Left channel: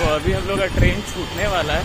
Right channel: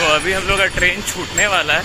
तो अभी हम लोग का ट्रेन छूटने वाला है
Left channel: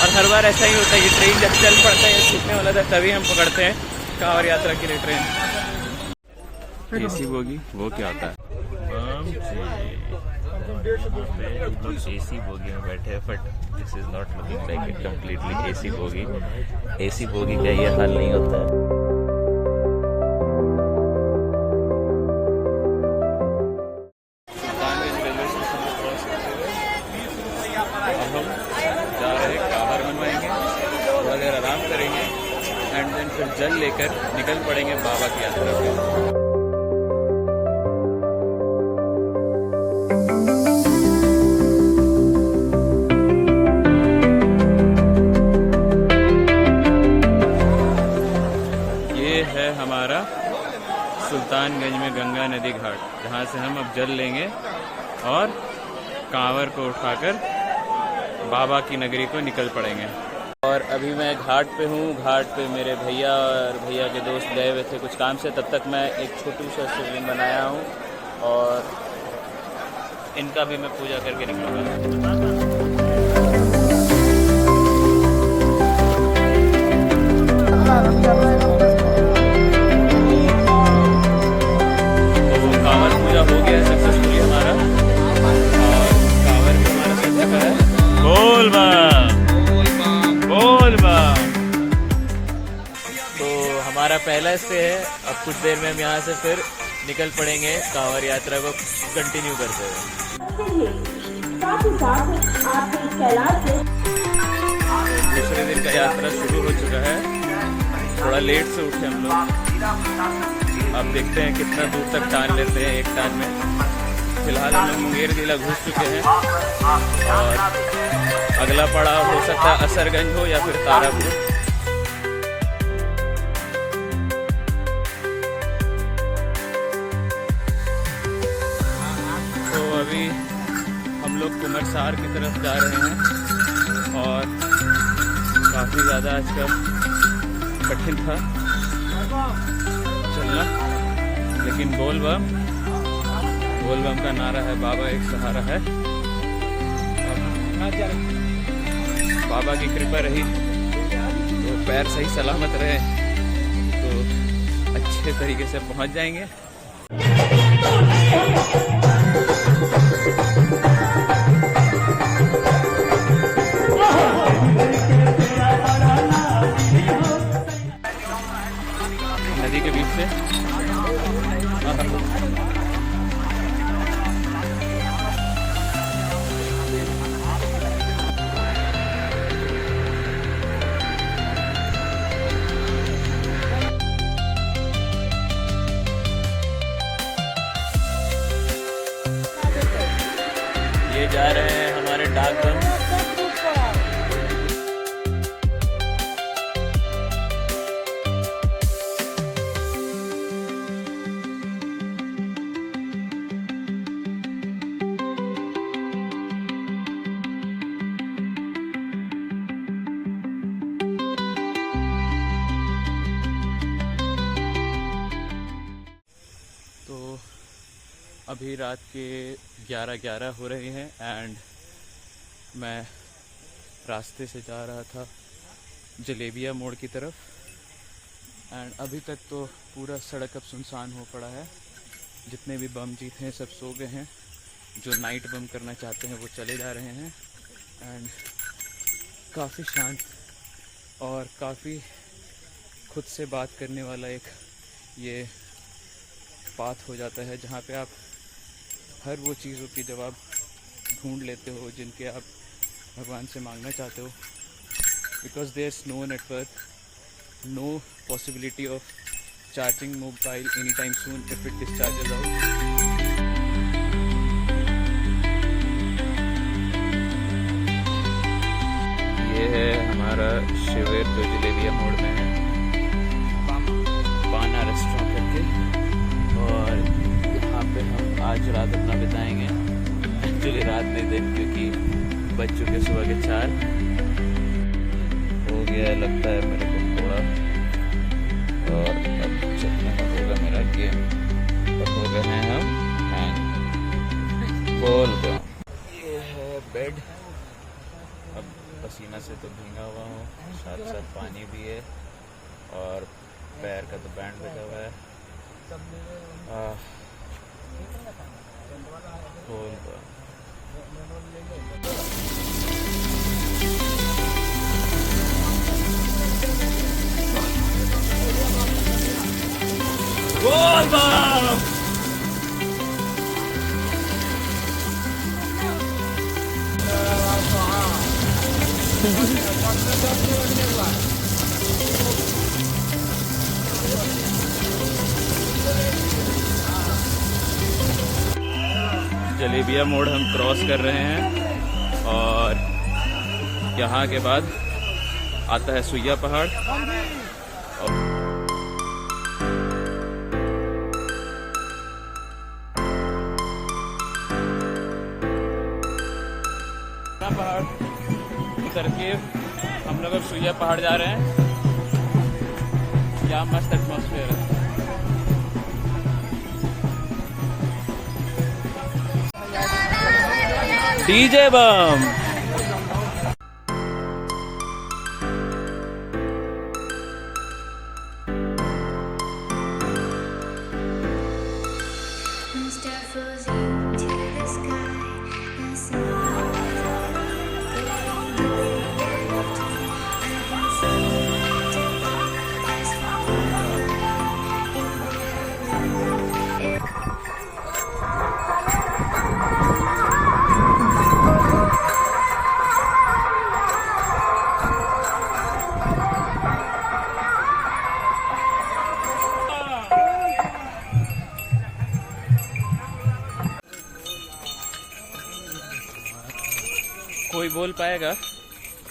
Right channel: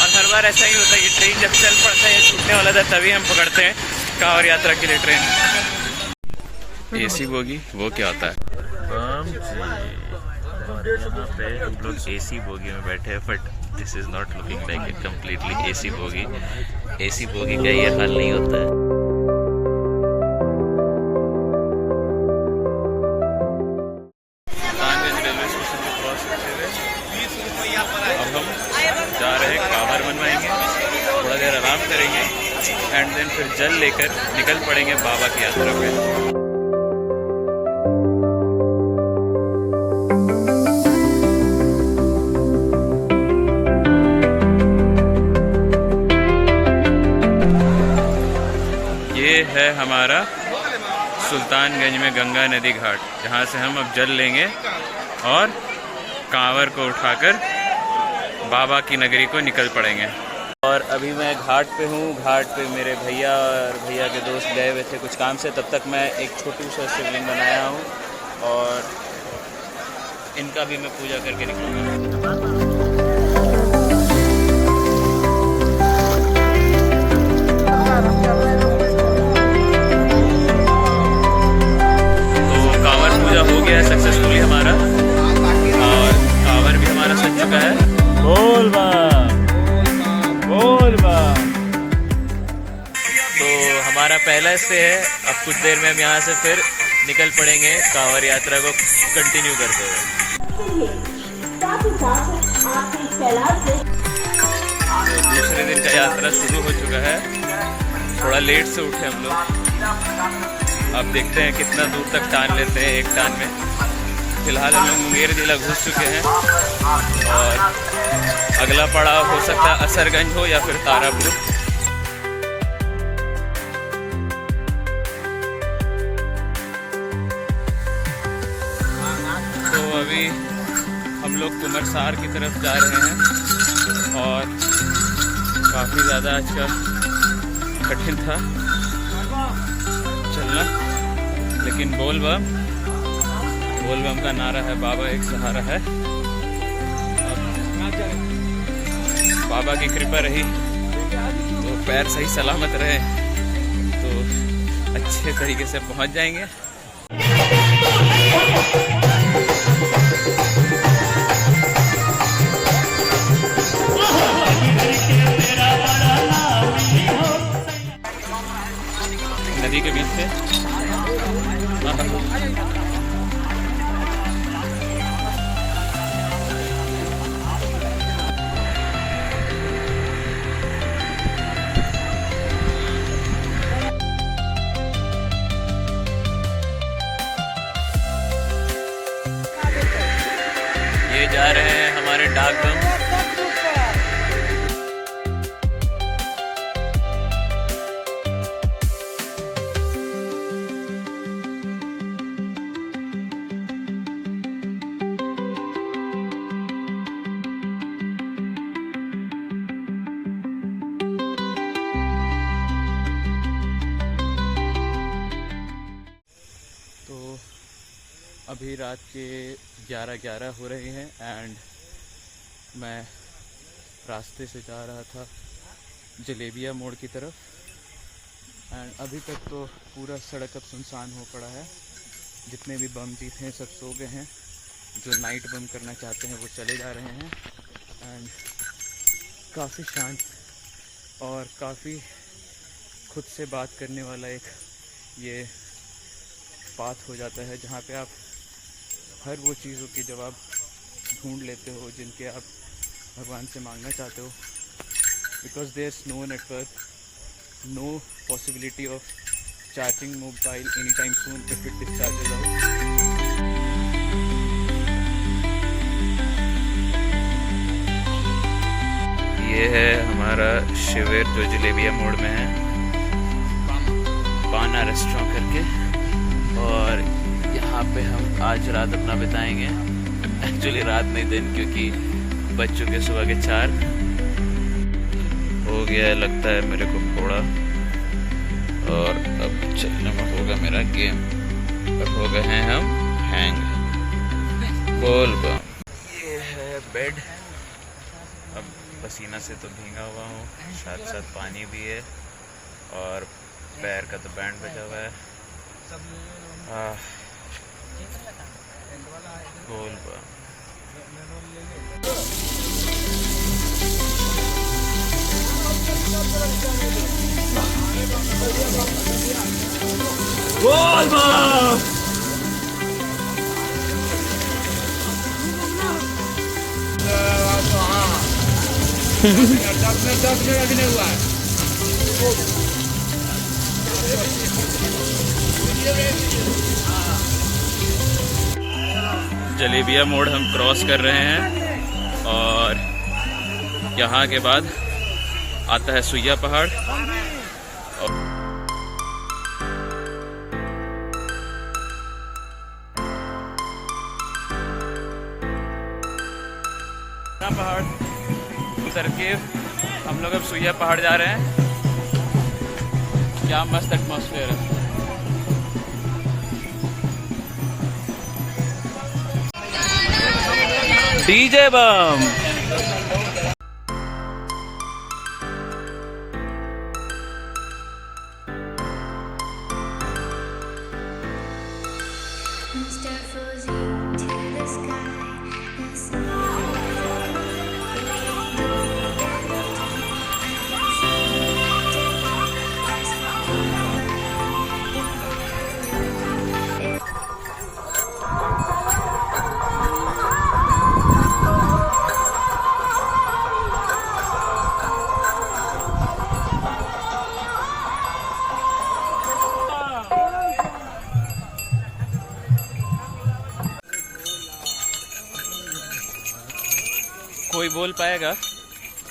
और हर बार ऐसा ही होता है कि ट्रेन जब चल पड़ता है या छूटने वाला था तभी हम पकड़ते हैं कांवड़ यात्रा के लिए ट्रेन। एसी बोगी वो क्या होता है? यहाँ पे हम लोग एसी बोगी में बैठे हैं but this is not looking like a completely AC bogie. AC bogie का ये हाल नहीं होता है। अब हम जा रहे हैं, कांवर बनवाएंगे, थोड़ा देर आराम करेंगे एंड देन फिर जल लेकर निकल पड़ेंगे बाबा की यात्रा पे। ये है हमारा सुल्तानगंज में गंगा नदी घाट, जहाँ से हम अब जल लेंगे और कांवर को उठाकर बाबा की नगरी को निकल पड़ेंगे। और अभी मैं घाट पे हूँ। घाट पे मेरे भैया और भैया के दोस्त गए हुए थे कुछ काम से, तब तक मैं एक छोटी सा शिवलिंग बनाया हूँ और इनका भी मैं पूजा करके निकलूँगा। तो कांवर पूजा हो गया है सक्सेसफुली हमारा और कांवर भी हमारा सज चुका है। बोल बम बोल बम। तो हमारा पहला स्टे है। अब कुछ देर में हम यहाँ से फिर निकल पड़ेंगे कांवर यात्रा को कंटिन्यू करते हुए। तो दूसरे दिन का यात्रा शुरू हो चुका है। थोड़ा लेट से उठे हम लोग। अब देखते हैं कितना दूर तक टान लेते हैं एक टान में। फिलहाल हम लोग मुंगेर जिला घुस चुके हैं और अगला पड़ाव हो सकता है असरगंज हो या फिर तारापुर। तो अभी हम लोग कुमरसार की तरफ जा रहे हैं और काफ़ी ज़्यादा आज का कठिन था चलना, लेकिन बोल बम का नारा है, बाबा एक सहारा है। बाबा की कृपा रही तो पैर सही सलामत रहे तो अच्छे तरीके से पहुंच जाएंगे। नदी के बीच से जा रहे हैं हमारे डाक बम। तो अभी रात के 11:11 हो रहे हैं एंड मैं रास्ते से जा रहा था जलेबिया मोड़ की तरफ एंड अभी तक तो पूरा सड़क अब सुनसान हो पड़ा है। जितने भी बम जी थे सब सो गए हैं। जो नाइट बम करना चाहते हैं वो चले जा रहे हैं एंड काफ़ी शांत और काफ़ी खुद से बात करने वाला एक ये पाथ हो जाता है जहाँ पे आप हर वो चीज़ों के जवाब ढूंढ लेते हो जिनके आप भगवान से मांगना चाहते हो। Because there is no network, no possibility of charging mobile any time soon if it discharges out. ये है हमारा शिविर जो जलेबिया मोड़ में है, पाना रेस्टोरेंट करके, और यहाँ पे हम आज रात अपना बिताएंगे। एक्चुअली रात नहीं दिन, क्योंकि बज चुके सुबह के 4 हो गया है लगता है मेरे को थोड़ा, और अब चलने में होगा मेरा गेम। अब हो गए हैं हम हैंग। बोल बम। ये है बेड। अब पसीना से तो भीगा हुआ हूँ, साथ साथ पानी भी है और पैर का तो बैंड बजा हुआ है। बोल बा बोल बा। जलेबिया मोड़ हम क्रॉस कर रहे हैं और यहाँ के बाद आता है सुइया पहाड़। पहाड़ उतर के हम लोग अब सुइया पहाड़ जा रहे हैं। क्या मस्त एटमॉस्फेयर है। डीजे बम। कोई बोल पाएगा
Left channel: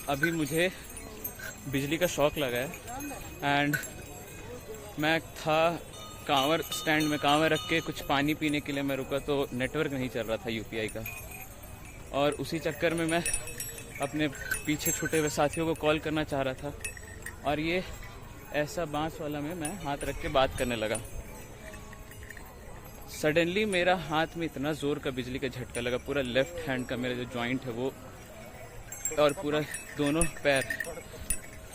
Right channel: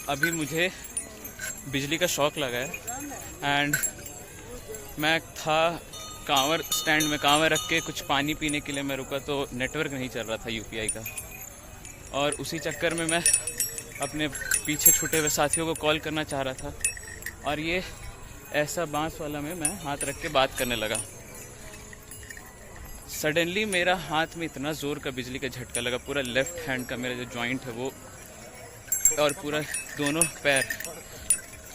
अभी मुझे बिजली का शॉक लगा है एंड मैं था कांवर स्टैंड में, कांवर रख के कुछ पानी पीने के लिए मैं रुका तो नेटवर्क नहीं चल रहा था यूपीआई का, और उसी चक्कर में मैं अपने पीछे छूटे हुए साथियों को कॉल करना चाह रहा था और ये ऐसा बांस वाला में मैं हाथ रख के बात करने लगा। सडनली मेरा हाथ में इतना ज़ोर का बिजली का झटका लगा, पूरा लेफ्ट हैंड का मेरा जो जॉइंट है वो और पूरा दोनों पैर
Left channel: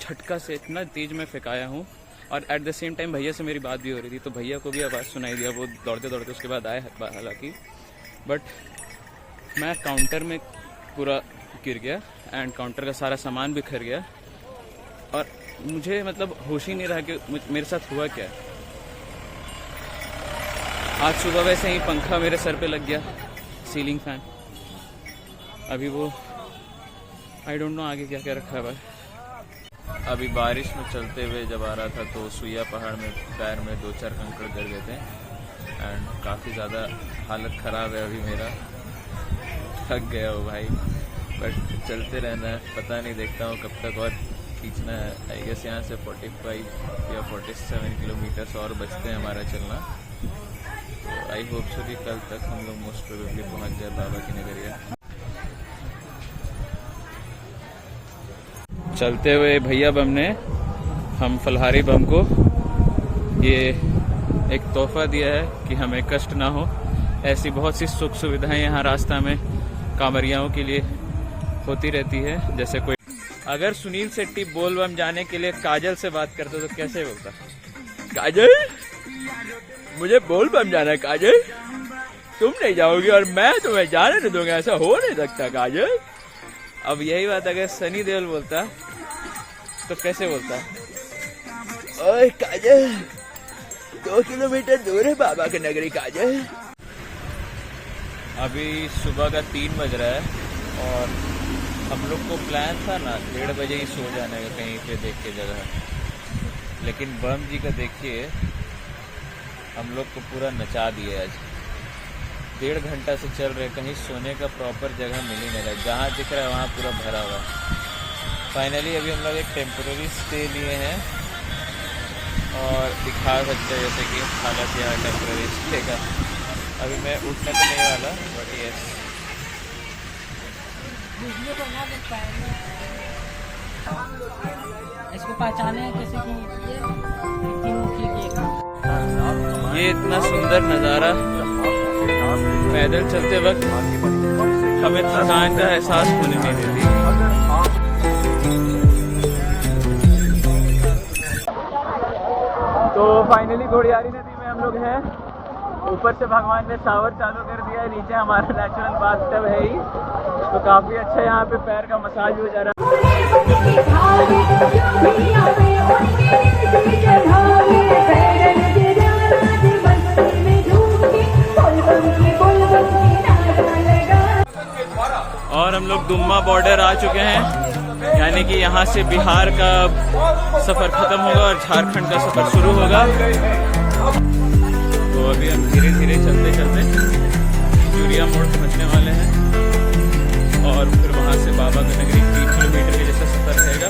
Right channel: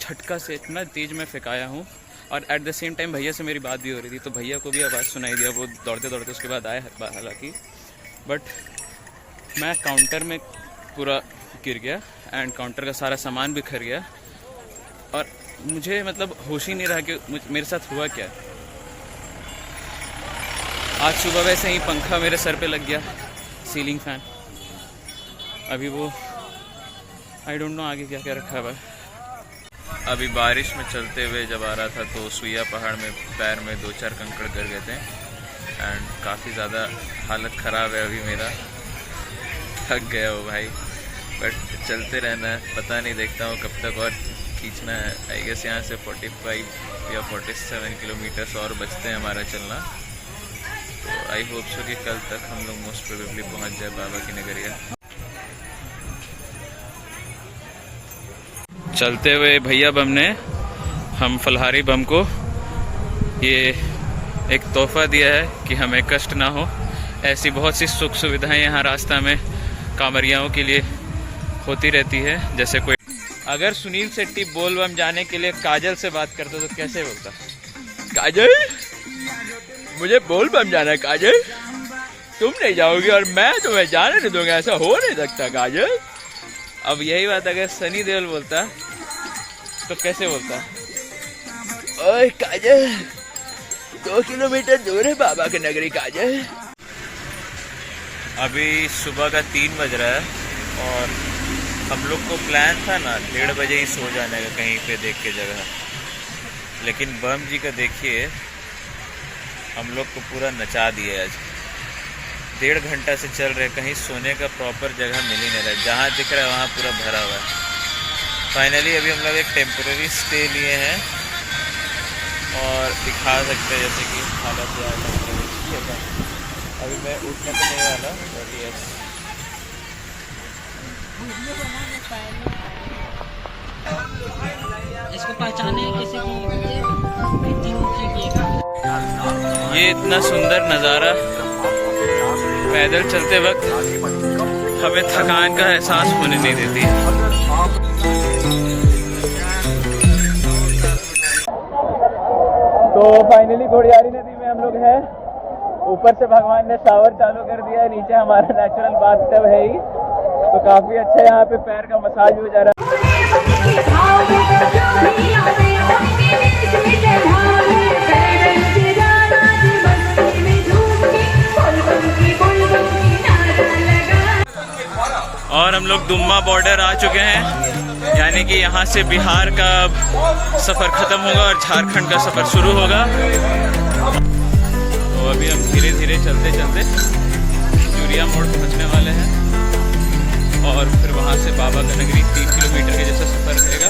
झटका से इतना तेज मैं फेंकाया हूँ। और एट द सेम टाइम भैया से मेरी बात भी हो रही थी तो भैया को भी आवाज़ सुनाई दिया, वो दौड़ते दौड़ते उसके बाद आए हालांकि, बट मैं काउंटर में पूरा गिर गया एंड काउंटर का सारा सामान भी खर गया और मुझे मतलब होश ही नहीं रहा कि मेरे साथ हुआ क्या। आज सुबह वैसे ही पंखा मेरे सर पे लग गया, सीलिंग फैन। अभी वो आई डोंट नो आगे क्या क्या रखा हुआ है। अभी बारिश में चलते हुए जब आ रहा था तो सुइया पहाड़ में पैर में 2-4 कंकड़ गिर गए थे एंड काफ़ी ज़्यादा हालत ख़राब है अभी मेरा, थक गया हो भाई, बट चलते रहना है। पता नहीं, देखता हूँ कब तक और खींचना है। आई गेस यहाँ से 45 या 47 किलोमीटर्स और बचते हैं हमारा चलना, तो आई होप सो कि कल तक हम लोग मोस्ट प्रोबेबली पहुँच जाए बाबा की नगरिया। चलते हुए भैया बम ने हम फलहारी बम को ये एक तोहफा दिया है कि हमें कष्ट ना हो। ऐसी बहुत सी सुख सुविधाएं यहाँ रास्ता में कांवरियाओं के लिए होती रहती है। जैसे कोई अगर सुनील शेट्टी बोल बम जाने के लिए काजल से बात करता तो कैसे बोलता, काजल मुझे बोल बम जाना है, काजल तुम नहीं जाओगी और मैं तुम्हें जाने नहीं दूंगा, ऐसा हो नहीं सकता काजल। अब यही बात अगर सनी देओल बोलता तो कैसे बोलता, ओए काजल 2 किलोमीटर दूर है बाबा की नगरी काजल। अभी सुबह का 3 बज रहा है और हम लोग को प्लान था ना 1:30 बजे ही सो जाने का कहीं पे देख के जगह, लेकिन बम जी का देखिए हम लोग को पूरा नचा दिए आज। 1.5 घंटा से चल रहे, कहीं सोने का प्रॉपर जगह मिल ही नहीं रहा, जहाँ दिख रहा है वहाँ पूरा भरा हुआ है। फाइनली अभी हम लोग एक टेम्पररी स्टे लिए हैं और दिखा सकते हैं जैसे कि हालत यहाँ टेम्पररी स्टे का। अभी मैं उठने तो नहीं वाला, बट यस इसको पहचाने किसी को। ये इतना सुंदर नज़ारा पैदल चलते वक्त हमें थकान का एहसास होने नहीं देती। तो फाइनली घोड़ियारी नदी में हम लोग हैं। ऊपर से भगवान ने शावर चालू कर दिया है, नीचे हमारा नेचुरल बाथटब है ही, तो काफ़ी अच्छा यहाँ पे पैर का मसाज हो जा रहा है। और हम लोग दुम्मा बॉर्डर आ चुके हैं, यानी कि यहाँ से बिहार का सफ़र ख़त्म होगा और झारखंड का सफ़र शुरू होगा। तो अभी हम धीरे धीरे चलते चलते खिजूरिया मोड़ पहुँचने वाले हैं और फिर वहाँ से बाबा का नगरी 3 किलोमीटर के जैसा सफ़र रहेगा।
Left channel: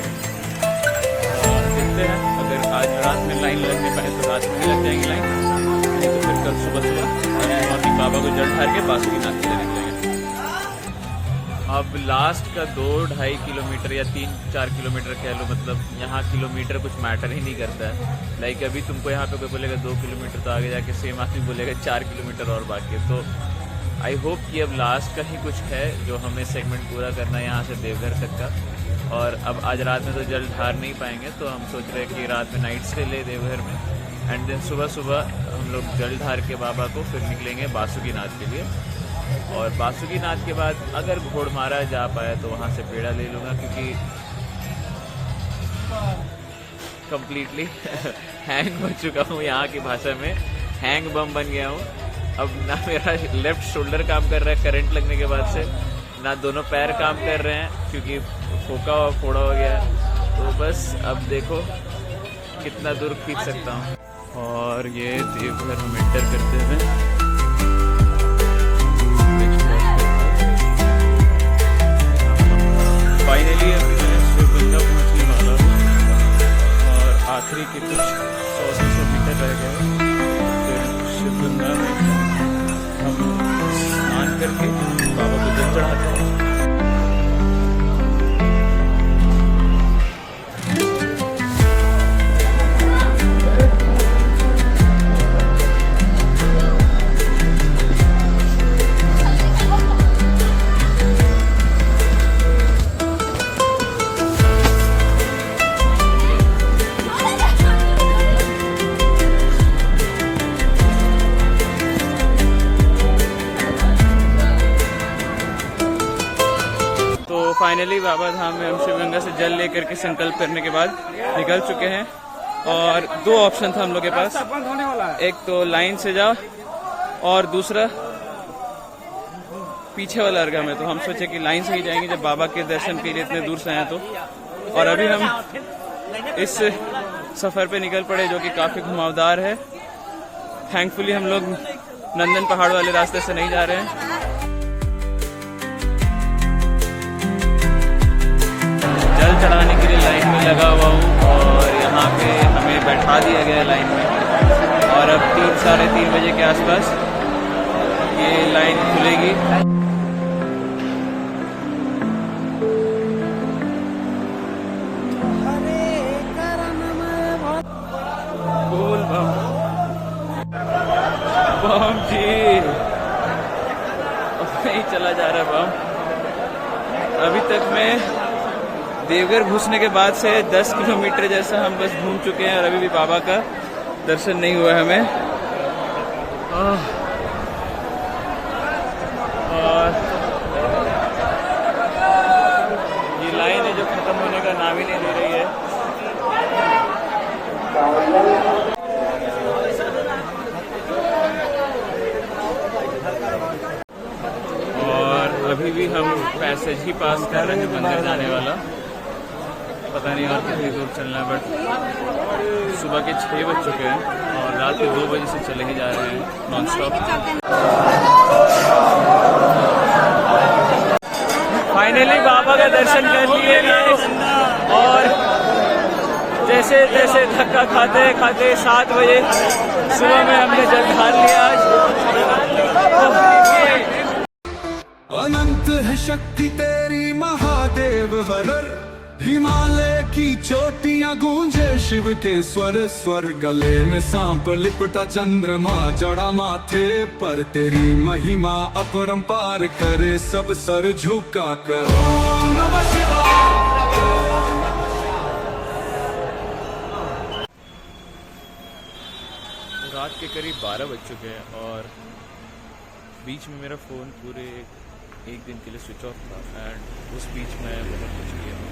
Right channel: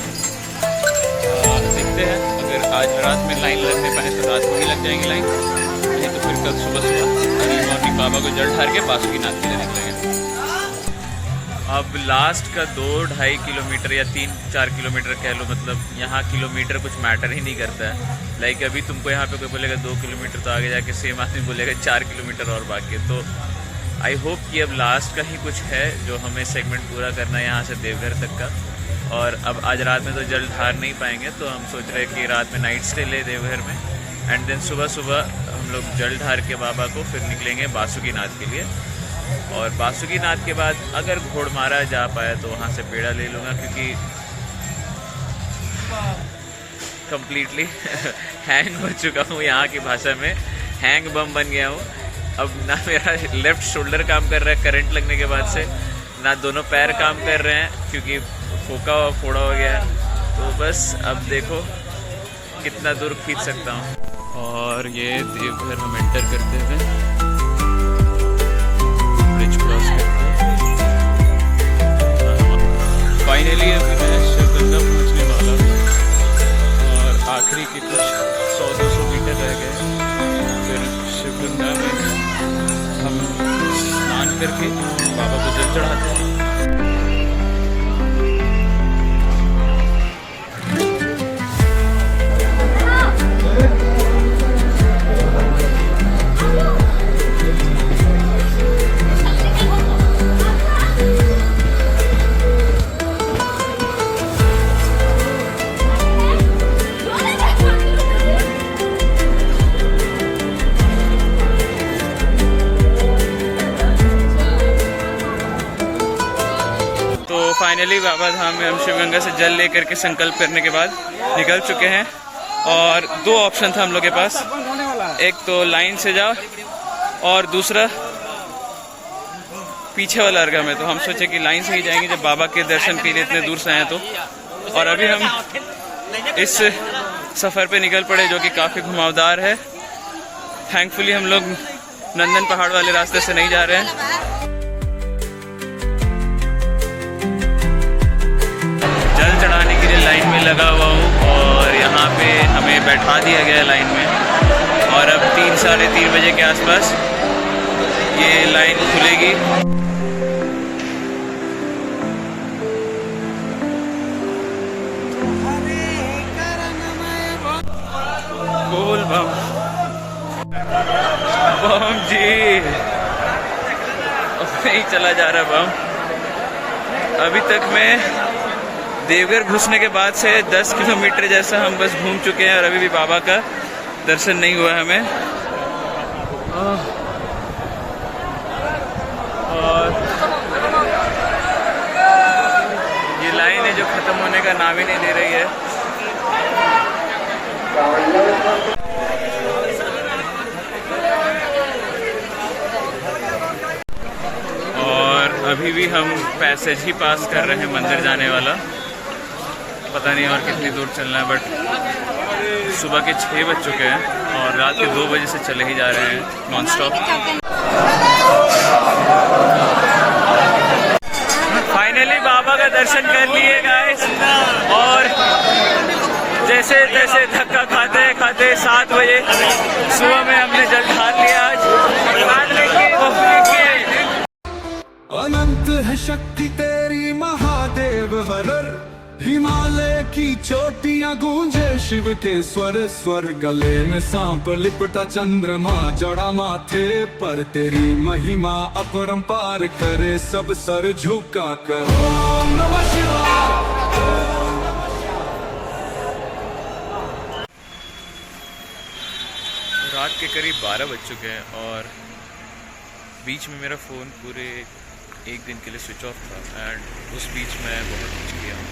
देखते हैं, अगर आज रात में लाइन लगने पाए तो रात में ही लग जाएंगी लाइन, नहीं तो फिर कल सुबह सुबह अर्ली मॉर्निंग बाबा को जल ढार के बासुकीनाथ के लिए निकलेंगे। अब लास्ट का 2-2.5 किलोमीटर या 3-4 किलोमीटर कह लो, मतलब यहाँ किलोमीटर कुछ मैटर ही नहीं करता है। लाइक अभी तुमको यहाँ पे कोई बोलेगा 2 किलोमीटर, तो आगे जाके सेम आदमी बोलेगा 4 किलोमीटर और बाकी है। तो आई होप कि अब लास्ट का ही कुछ है जो हमें सेगमेंट पूरा करना है यहाँ से देवघर तक का। और अब आज रात में तो जल ढार नहीं पाएंगे, तो हम सोच रहे हैं कि रात में नाइट स्टे ले देवघर में, एंड देन सुबह सुबह हम लोग जल ढार के बाबा को फिर निकलेंगे बासुकीनाथ के लिए। और बासुकीनाथ के बाद अगर घोड़मारा जा पाया तो वहाँ से पेड़ा ले लूँगा, क्योंकि कम्प्लीटली हैंग हो चुका हूँ, यहाँ की भाषा में हैंग बम बन गया हूँ। अब ना मेरा लेफ़्ट शोल्डर काम कर रहा है करंट लगने के बाद से, ना दोनों पैर काम कर रहे हैं क्योंकि फोका फोड़ा हो गया है। तो बस अब देखो कितना दूर खींच सकता हूँ। और ये देवघर हम एंटर करते हुए ब्रिज क्रॉस करके फाइनली अभी मैं शिवगंगा पहुँचने वाला हूँ और आखिरी के कुछ 100-200 मीटर रह गए। फिर शिवगंगा में हम स्नान करके बाबा को जल चढ़ाते हैं। फाइनली बाबा धाम में हम शिवगंगा से जल लेकर के संकल्प करने के बाद निकल चुके हैं। और 2 ऑप्शन था हम लोग के पास, एक तो लाइन से जाओ और दूसरा पीछे वाला अर्घा में। तो हम सोचे कि लाइन से ही जाएंगे जब बाबा के दर्शन के लिए इतने दूर से आए तो। और अभी हम इस सफ़र पे निकल पड़े जो कि काफ़ी घुमावदार है। थैंकफुली हम लोग नंदन पहाड़ वाले रास्ते से नहीं जा रहे हैं। जल चढ़ाने के लिए लाइन में लगा हुआ हूँ और यहाँ पे हमें बैठा दिया गया है लाइन में। और अब 3-3:30 बजे के आसपास ये लाइन खुलेगी। बोल बम बम जी, नहीं चला जा रहा बम। अभी तक मैं देवघर घुसने के बाद से 10 किलोमीटर जैसा हम बस घूम चुके हैं और अभी भी बाबा का दर्शन नहीं हुआ हमें। और ये लाइन है जो ख़त्म होने का नाम ही नहीं ले रही है। और अभी भी हम पैसेज ही पास कर रहे हैं मंदिर जाने वाला। पता नहीं और कितनी दूर चलना है, बट सुबह के 6 बज चुके हैं और रात के 2 बजे से चले ही जा रहे हैं नॉन स्टॉप। फाइनली बाबा का दर्शन कर लिए गाइस। और जैसे तैसे धक्का खाते खाते 7 बजे सुबह में हमने जल ढार लिया आज। अनंत है शक्ति तेरी महादेव वरर, हिमालय की चोटियां गूंजे शिव के स्वर स्वर, गले में सांप लिपटा चंद्रमा जड़ा माथे पर, तेरी महिमा अपरंपार करे सब सर झुका कर। ओम नमः शिवाय। रात के करीब 12 बज चुके हैं और बीच में मेरा फ़ोन पूरे एक दिन के लिए स्विच ऑफ था। एंड उस बीच मैं बहुत कुछ किया हूँ,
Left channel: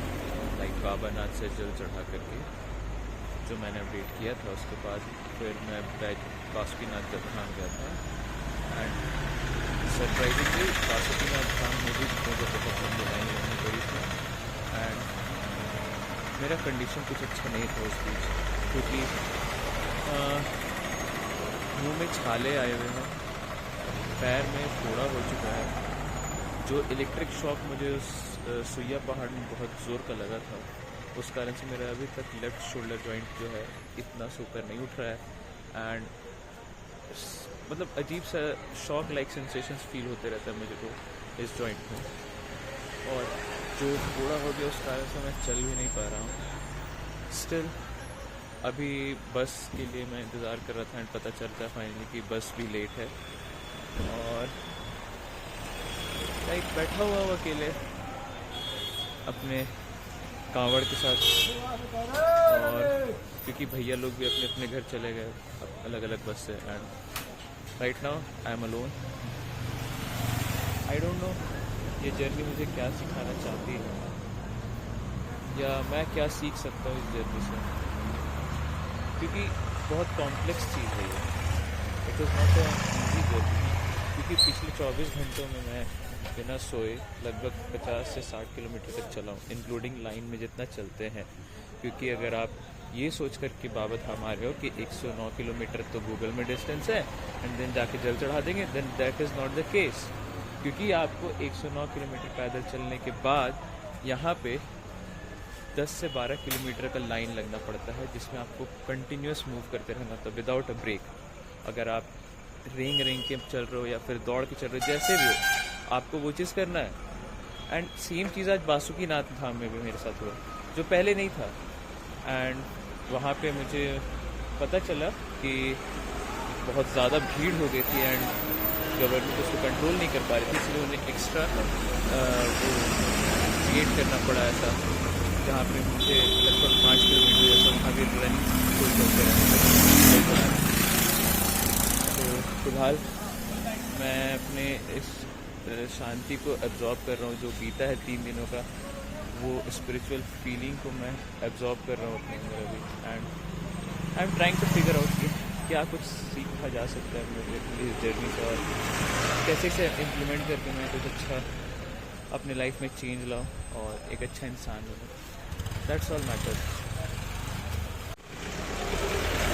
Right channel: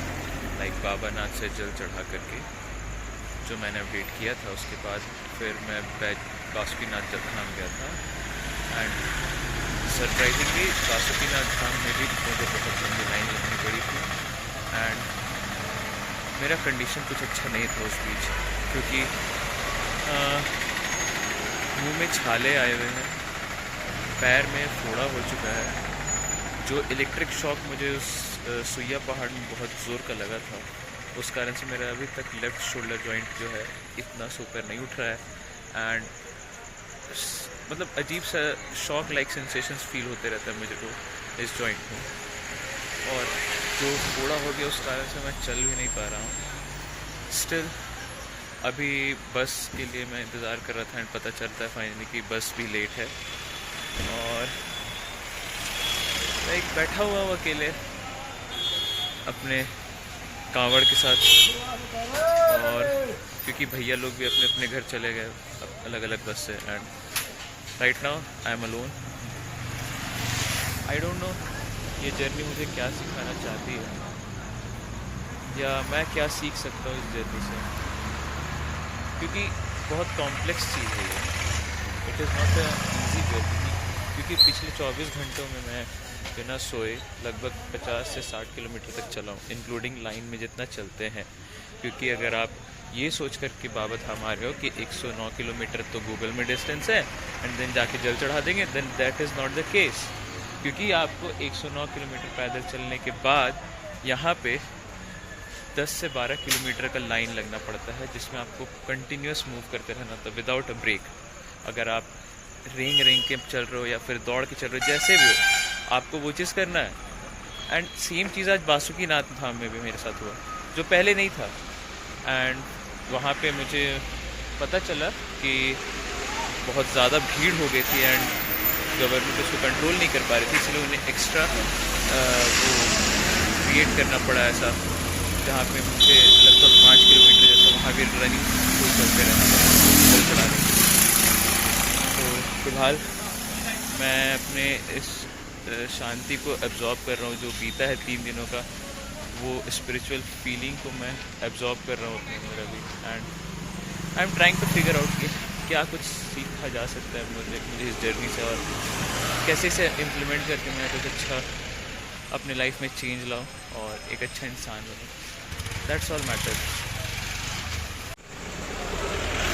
लाइक बाबा नाथ से जल चढ़ा करके जो मैंने अपडेट किया था। उसके बाद फिर मैं बासुकीनाथ धाम गया था। एंड सरप्राइजिंगली बासुकीनाथ धाम में भी मुझे बहुत लंबी लाइन लगनी पड़ी थी। एंड मेरा कंडीशन कुछ अच्छा नहीं था उस बीच, क्योंकि मुंह में छाले आए हुए हैं, पैर में फोड़ा हो चुका है। जो इलेक्ट्रिक शॉक मुझे उस सुइया पहाड़ में बहुत ज़ोर का लगा था, उस कारण से मेरा अभी तक लेफ़्ट शोल्डर जॉइंट जो है इतना सुपर नहीं उठ रहा है। एंड मतलब अजीब सा शॉक लाइक सेंसेशंस फील होते रहता है मुझे तो इस जॉइंट में। और जो फोड़ा हो गया उस कारण से मैं चल भी नहीं पा रहा हूँ। स्टिल अभी बस के लिए मैं इंतज़ार कर रहा था एंड पता चलता है फाइनली कि बस भी लेट है। और लाइक बैठा हुआ हूँ अकेले अपने कांवड़ के साथ, और क्योंकि भैया लोग भी अपने अपने घर चले गए अलग अलग बस से। And right now I am alone. I don't know ये जर्नी मुझे क्या सिखाना चाहती है, या मैं क्या सीख सकता हूँ इस जर्नी से, क्योंकि बहुत कॉम्प्लेक्स चीज़ है ये। It is not a easy journey, क्योंकि पिछले 24 घंटों में मैं बिना सोए लगभग 50 से 60 किलोमीटर तक चला हूँ, इंक्लूडिंग लाइन में जितना चलते हैं। क्योंकि अगर आप ये सोच कर के बाबा धाम आ रहे हो कि 109 किलोमीटर तो गूगल में डिस्टेंस है एंड देन जाके जल चढ़ा देंगे, then that is not the case. क्योंकि आपको 109 किलोमीटर पैदल चलने के बाद यहाँ पे 10 से 12 किलोमीटर का लाइन लगना पड़ता है, जिसमें आपको कंटिन्यूस मूव करते रहना था विदाउट अ ब्रेक। अगर आप रेंग के चल रहे हो या फिर दौड़ के चल रहे हो, जैसे भी हो आपको वो चीज़ करना है। एंड सेम चीज़ आज बासुकीनाथ धाम में भी मेरे साथ हुआ, जो पहले नहीं था। एंड वहाँ पे मुझे पता चला कि बहुत ज़्यादा भीड़ हो गई थी एंड गवर्नमेंट उसको कंट्रोल नहीं कर पा रही थी, इसलिए उन्हें एक्स्ट्रा वो क्रिएट करना पड़ा ऐसा, जहाँ पे मुझे लगभग 5 किलोमीटर जैसा वहाँ भी रनिंग शो चलते रहना पड़ा जल चढ़ाने। तो फिलहाल मैं अपने इस शांति को एब्जॉर्ब कर रहा हूँ, जो बीता है 3 दिनों का, वो स्पिरिचुअल फीलिंग को मैं एब्जॉर्ब कर रहा हूँ अपने अंदर अभी। And I am trying to figure out कि क्या कुछ सीखा जा सकता है मुझे इस जर्नी से, और कैसे इसे इम्प्लीमेंट करके मैं कुछ अच्छा अपने लाइफ में चेंज लाऊं और एक अच्छा इंसान बनूं। That's all matters.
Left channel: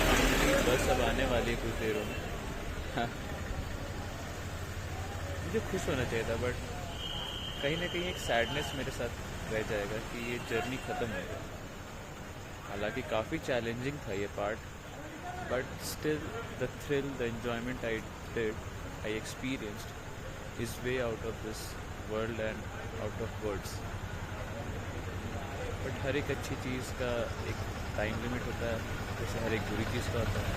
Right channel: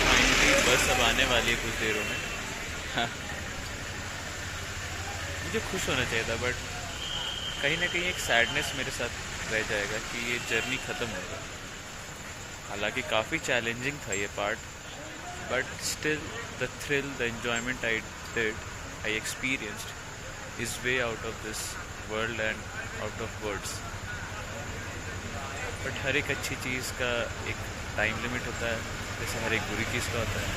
फाइनली बस अब आने वाली है कुछ देरों में। हाँ, मुझे खुश होना चाहिए था, बट कहीं ना कहीं एक सैडनेस मेरे साथ रह जाएगा कि ये जर्नी ख़त्म हो गई। हालांकि काफ़ी चैलेंजिंग था ये part, but still the thrill, the enjoyment I experienced is way out of this world and out of words. But हर एक अच्छी चीज़ का एक टाइम लिमिट होता है, जैसे हर एक बुरी चीज़ का होता है।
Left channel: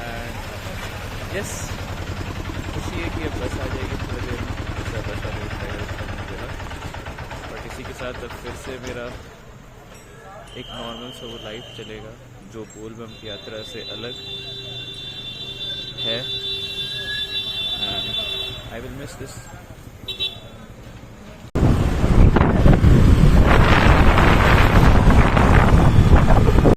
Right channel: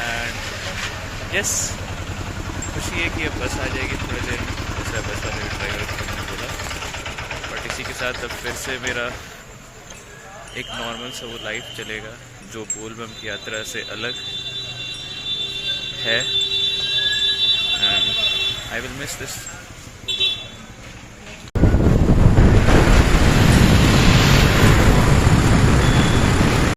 एंड यस, खुशी है कि अब बस आ जाएगी थोड़ी देर में, जैसा बस वाले ड्राइवर को हमने बोला। बट इसी के साथ अब फिर से मेरा एक नॉर्मल सा वो लाइफ चलेगा, जो बोलबम की यात्रा से अलग है। And I will miss this.